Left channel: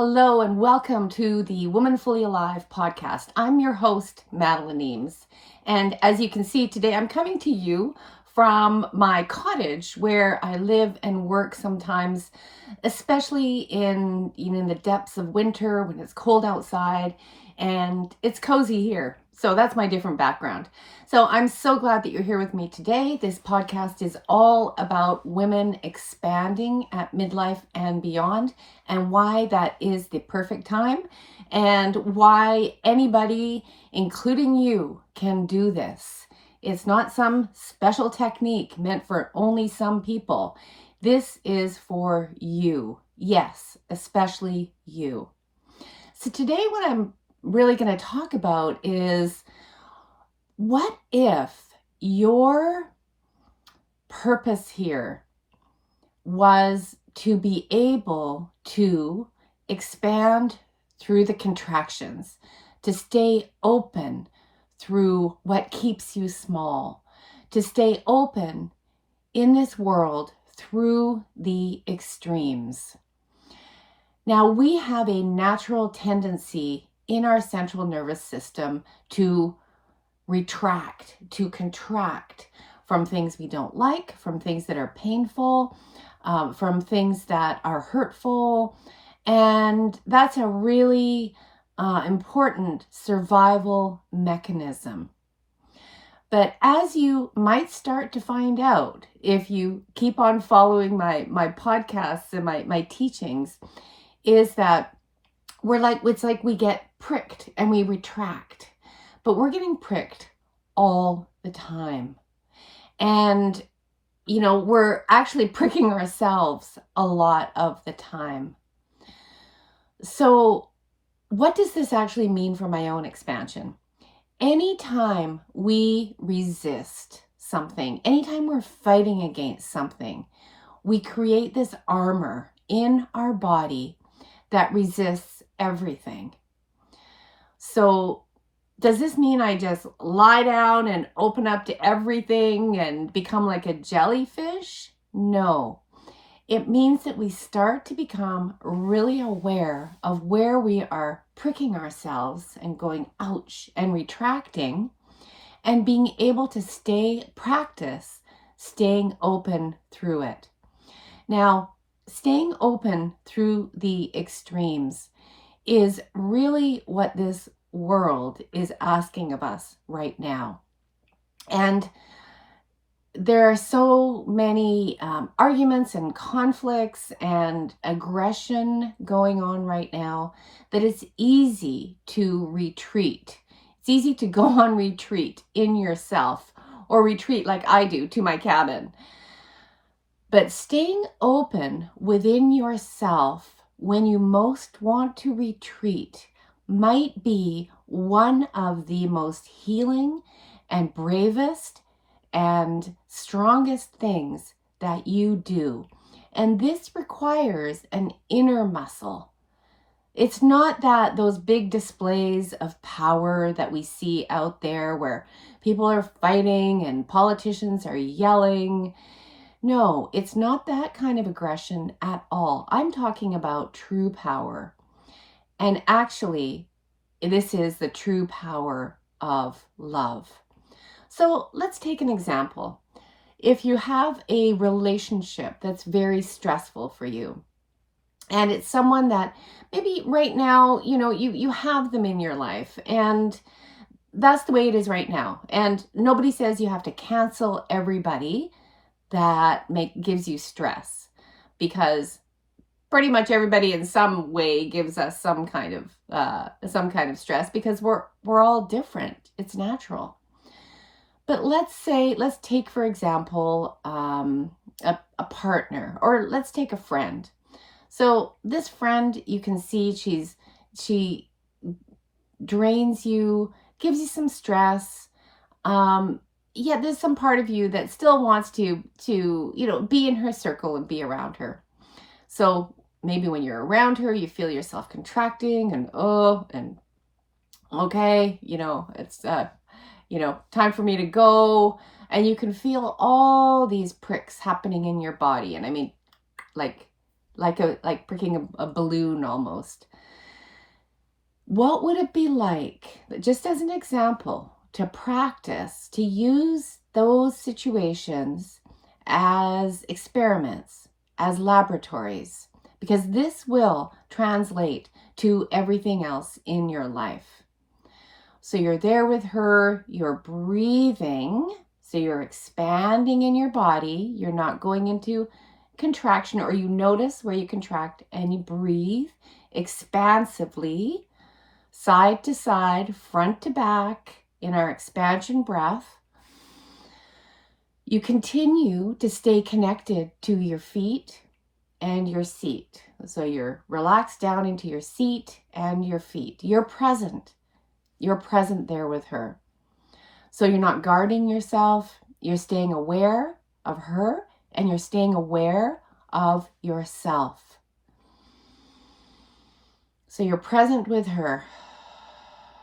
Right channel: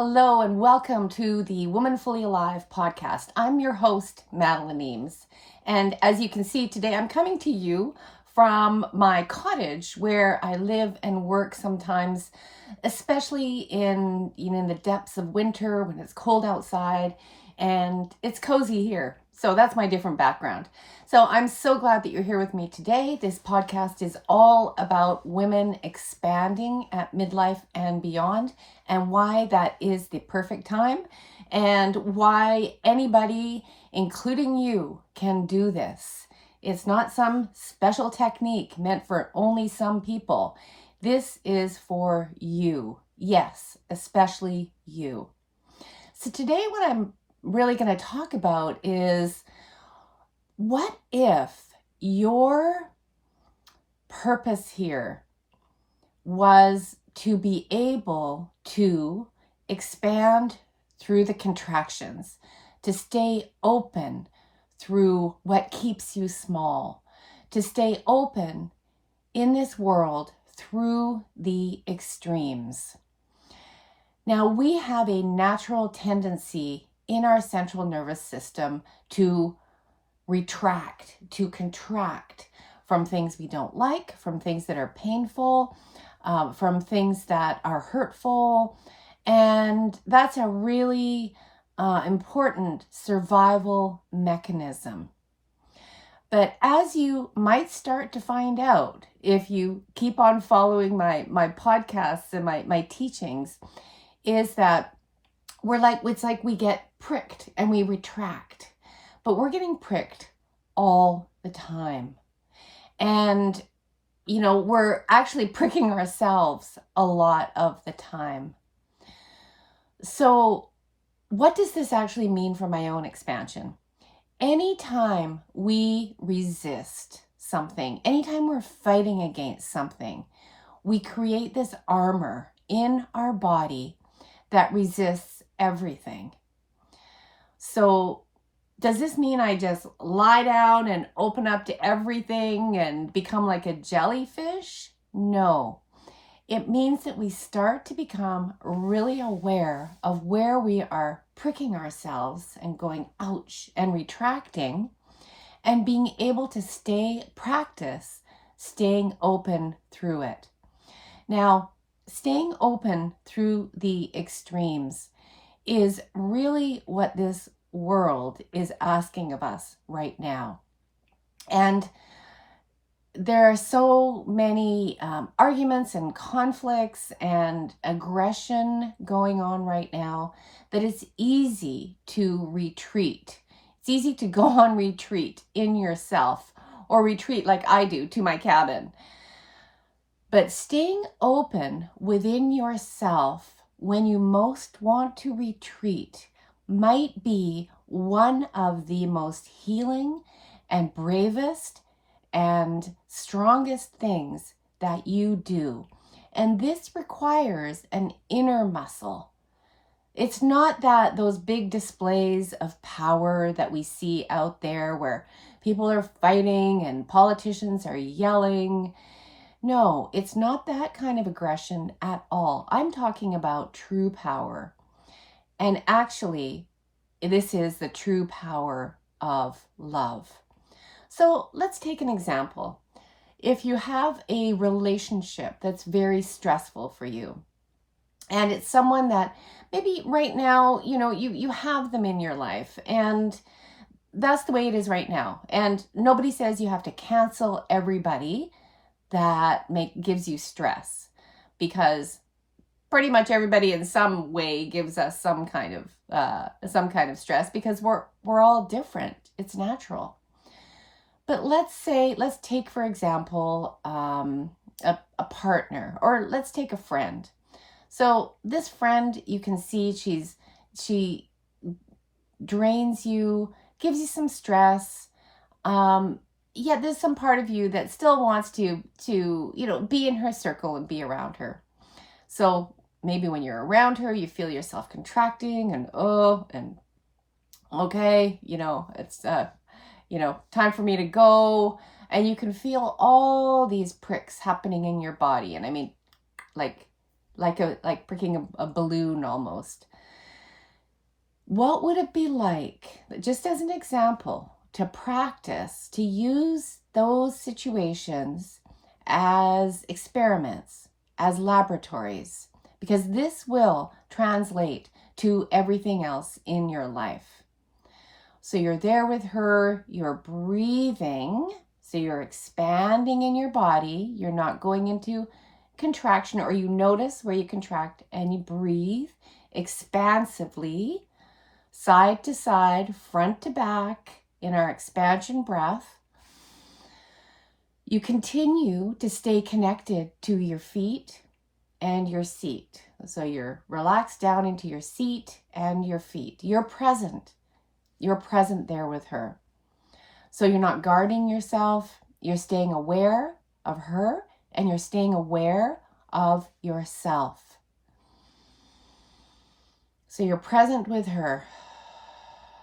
Hello and welcome to the Woman Fully Alive podcast. I'm your host, Madeleine Eames. And as you can see today, I'm coming to you from my cottage where I live and work sometimes, especially in the depths of winter when it's cold outside and it's cozy here. So that's my different background. So I'm so glad that you're here with me today. This podcast is all about women expanding at midlife and beyond, and why that is the perfect time, and why anybody, including you, can do this. It's not some special technique meant for only some people. This is for you. Yes, especially you. So today what I'm really going to talk about is, what if your purpose here was to be able to expand through the contractions, to stay open through what keeps you small, to stay open in this world through the extremes. Now, we have a natural tendency in our central nervous system to retract, to contract from things we don't like, from things that are painful, from things that are hurtful. And that's a really important survival mechanism. But as you might start to find out, if you keep on following my podcasts and my teachings, is that it's like we get pricked and we retract. But we're getting pricked all the time. And, we're actually pricking ourselves a lot of the time. So what does this actually mean for my own expansion? Anytime we resist something, anytime we're fighting against something, we create this armor in our body that resists everything. So does this mean I just lie down and open up to everything and become like a jellyfish? No. It means that we start to become really aware of where we are pricking ourselves and going ouch and retracting, and being able to practice staying open through it. Now, staying open through the extremes is really what this world is asking of us right now. And there are so many arguments and conflicts and aggression going on right now that it's easy to retreat. It's easy to go on retreat in yourself, or retreat like I do to my cabin. But staying open within yourself when you most want to retreat might be one of the most healing and bravest and strongest things that you do. And this requires an inner muscle. It's not that those big displays of power that we see out there where people are fighting and politicians are yelling. No, it's not that kind of aggression at all. I'm talking about true power. And actually, this is the true power of love. So let's take an example. If you have a relationship that's very stressful for you, and it's someone that maybe right now, you have them in your life, and that's the way it is right now. And nobody says you have to cancel everybody that gives you stress, because pretty much everybody in some way gives us some kind of stress, because we're all different. It's natural. But let's take, for example, a partner, or let's take a friend. So this friend, you can see she drains you, gives you some stress. Yet there's some part of you that still wants to be in her circle and be around her. So maybe when you're around her, you feel yourself contracting and okay, it's time for me to go. And you can feel all these pricks happening in your body. And I mean, like pricking a balloon almost. What would it be like, just as an example, to practice, to use those situations as experiments, as laboratories? Because this will translate to everything else in your life. So you're there with her, you're breathing, so you're expanding in your body. You're not going into contraction, or you notice where you contract and you breathe expansively, side to side, front to back in our expansion breath. You continue to stay connected to your feet and your seat. So you're relaxed down into your seat and your feet. You're present. You're present there with her. So you're not guarding yourself. You're staying aware of her, and you're staying aware of yourself. So you're present with her.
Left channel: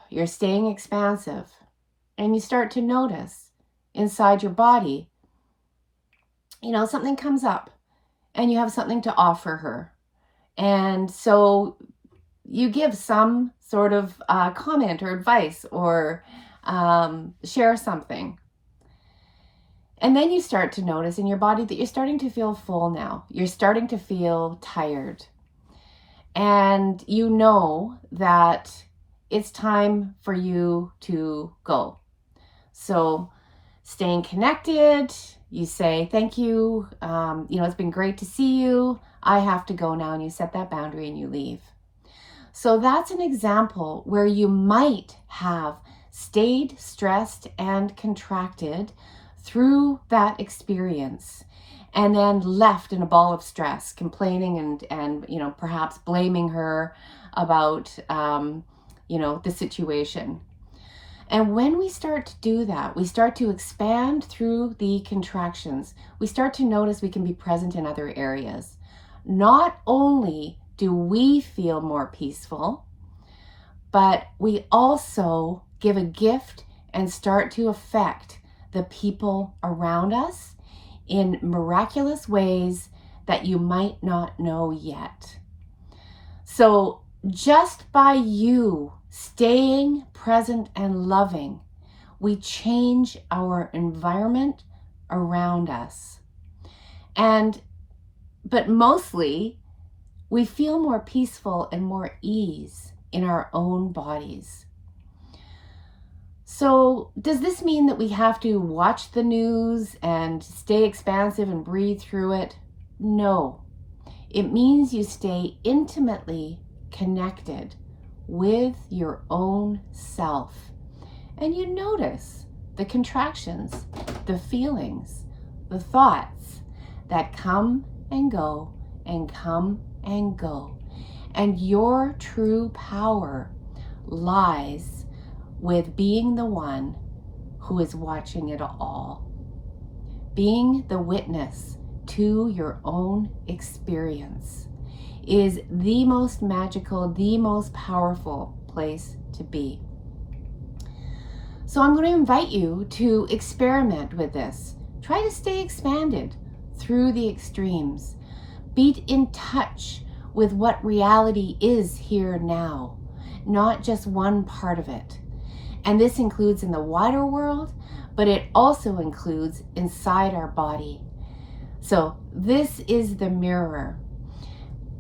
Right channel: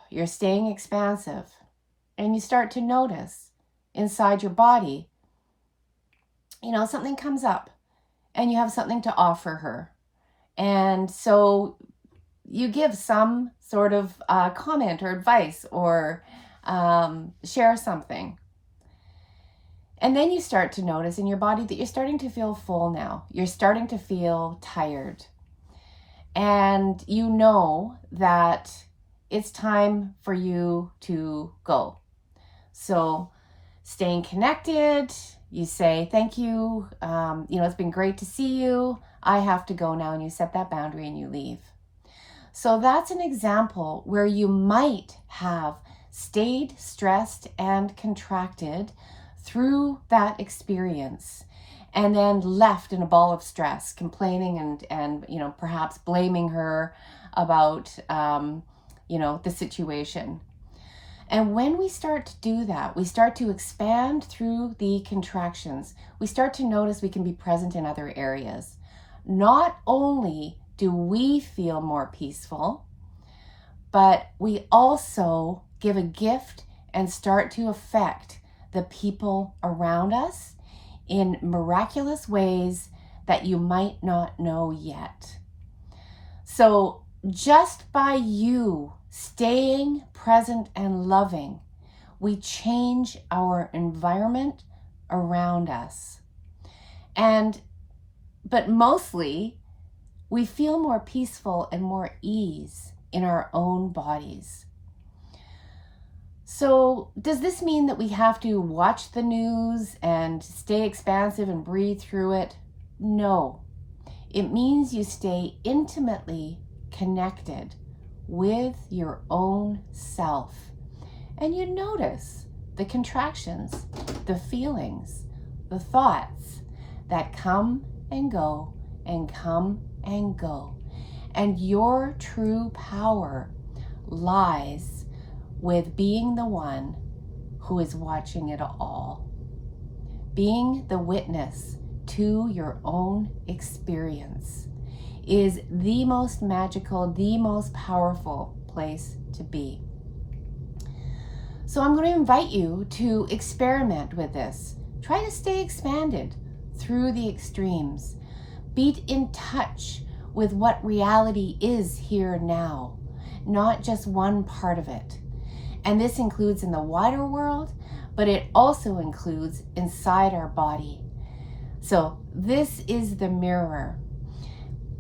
You're staying expansive. And you start to notice inside your body, something comes up and you have something to offer her. And so you give some sort of comment or advice, or share something. And then you start to notice in your body that you're starting to feel full now. You're starting to feel tired. And you know that it's time for you to go. So staying connected, you say, thank you. It's been great to see you. I have to go now. And you set that boundary and you leave. So that's an example where you might have stayed stressed and contracted through that experience, and then left in a ball of stress, complaining and perhaps blaming her about the situation. And when we start to do that, we start to expand through the contractions. We start to notice we can be present in other areas. Not only do we feel more peaceful, but we also give a gift and start to affect the people around us in miraculous ways that you might not know yet. So just by you staying present and loving, we change our environment around us. But mostly, we feel more peaceful and more ease in our own bodies. So does this mean that we have to watch the news and stay expansive and breathe through it? No. It means you stay intimately connected with your own self. And you notice the contractions, the feelings, the thoughts that come and go and come and go. And your true power lies with being the one who is watching it all. Being the witness to your own experience is the most magical, the most powerful place to be. So I'm going to invite you to experiment with this. Try to stay expanded through the extremes. Be in touch with what reality is here now, not just one part of it. And this includes in the wider world, but it also includes inside our body. So this is the mirror.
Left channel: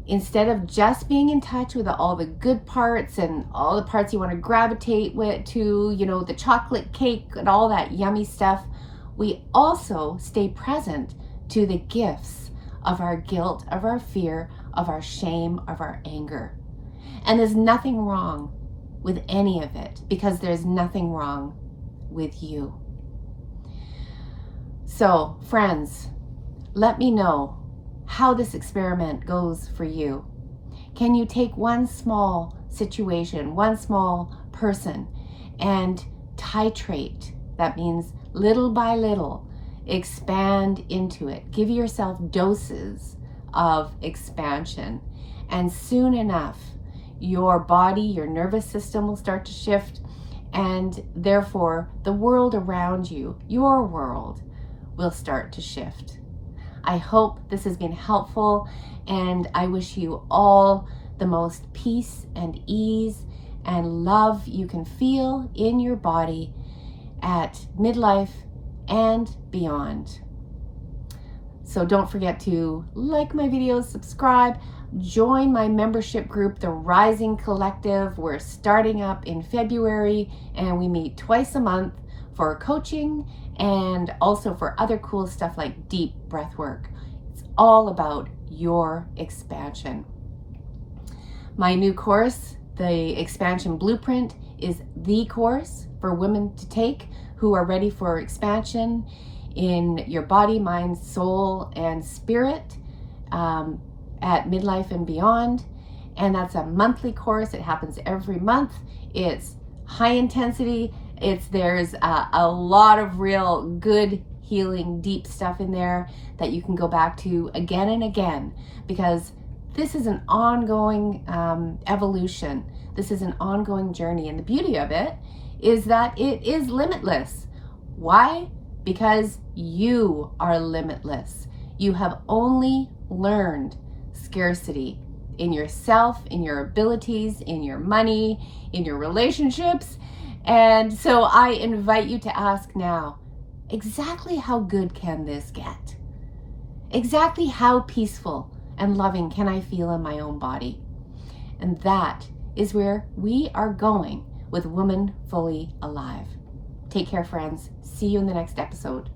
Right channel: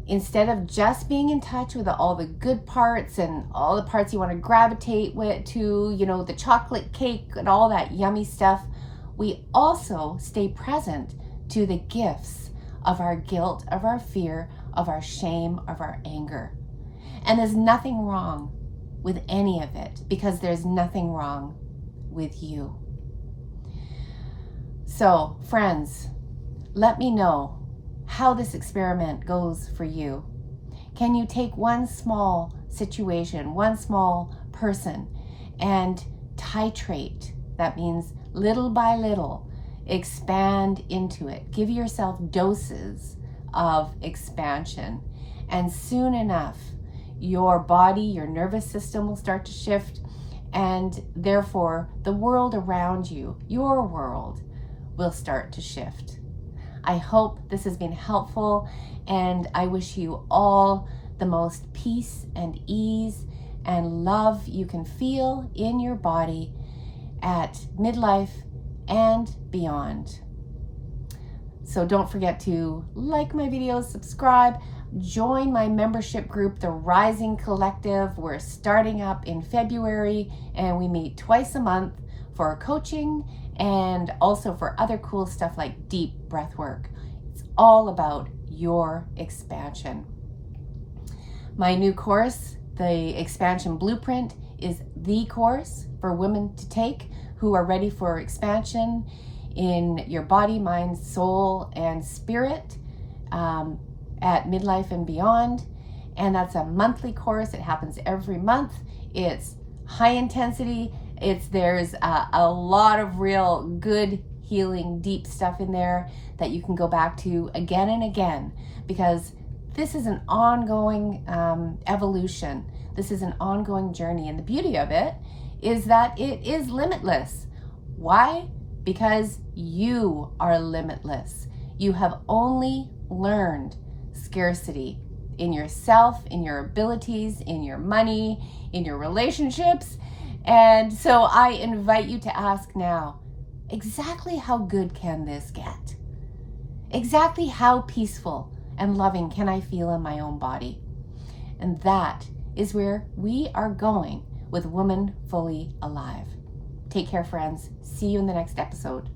Instead of just being in touch with all the good parts and all the parts you want to gravitate to, the chocolate cake and all that yummy stuff, we also stay present to the gifts of our guilt, of our fear, of our shame, of our anger. And there's nothing wrong with any of it, because there's nothing wrong with you. So, friends, let me know how this experiment goes for you. Can you take one small situation, one small person, and titrate? That means little by little, expand into it. Give yourself doses of expansion. And soon enough, your body, your nervous system will start to shift, and therefore the world around you, your world, will start to shift. I hope this has been helpful, and I wish you all the most peace and ease and love you can feel in your body at midlife and beyond. So don't forget to like my videos, subscribe, join my membership group, the Rising Collective. We're starting up in February and we meet twice a month for coaching and also for other cool stuff like deep breath work. It's all about your expansion. My new course, the Expansion Blueprint, is the course for women to take who are ready for expansion in your body, mind, soul, and spirit at midlife and beyond. And that's a monthly course. It happens every month. It's high intensity. There's a lot of real good healing, deep stuff in there that you can go back to again and again, because this is an ongoing evolution. This is an ongoing journey. And the beauty of it is that it is limitless. Why? Because you are limitless. You have only learned scarcity in yourself, in your abilities, in your money, in your relationships. And so I invite you to ask now, exactly how good can this get? Exactly how peaceful and loving can I feel in my own body? And that is where we are going with Woman Fully Alive. Take care, friends. See you in the next episode.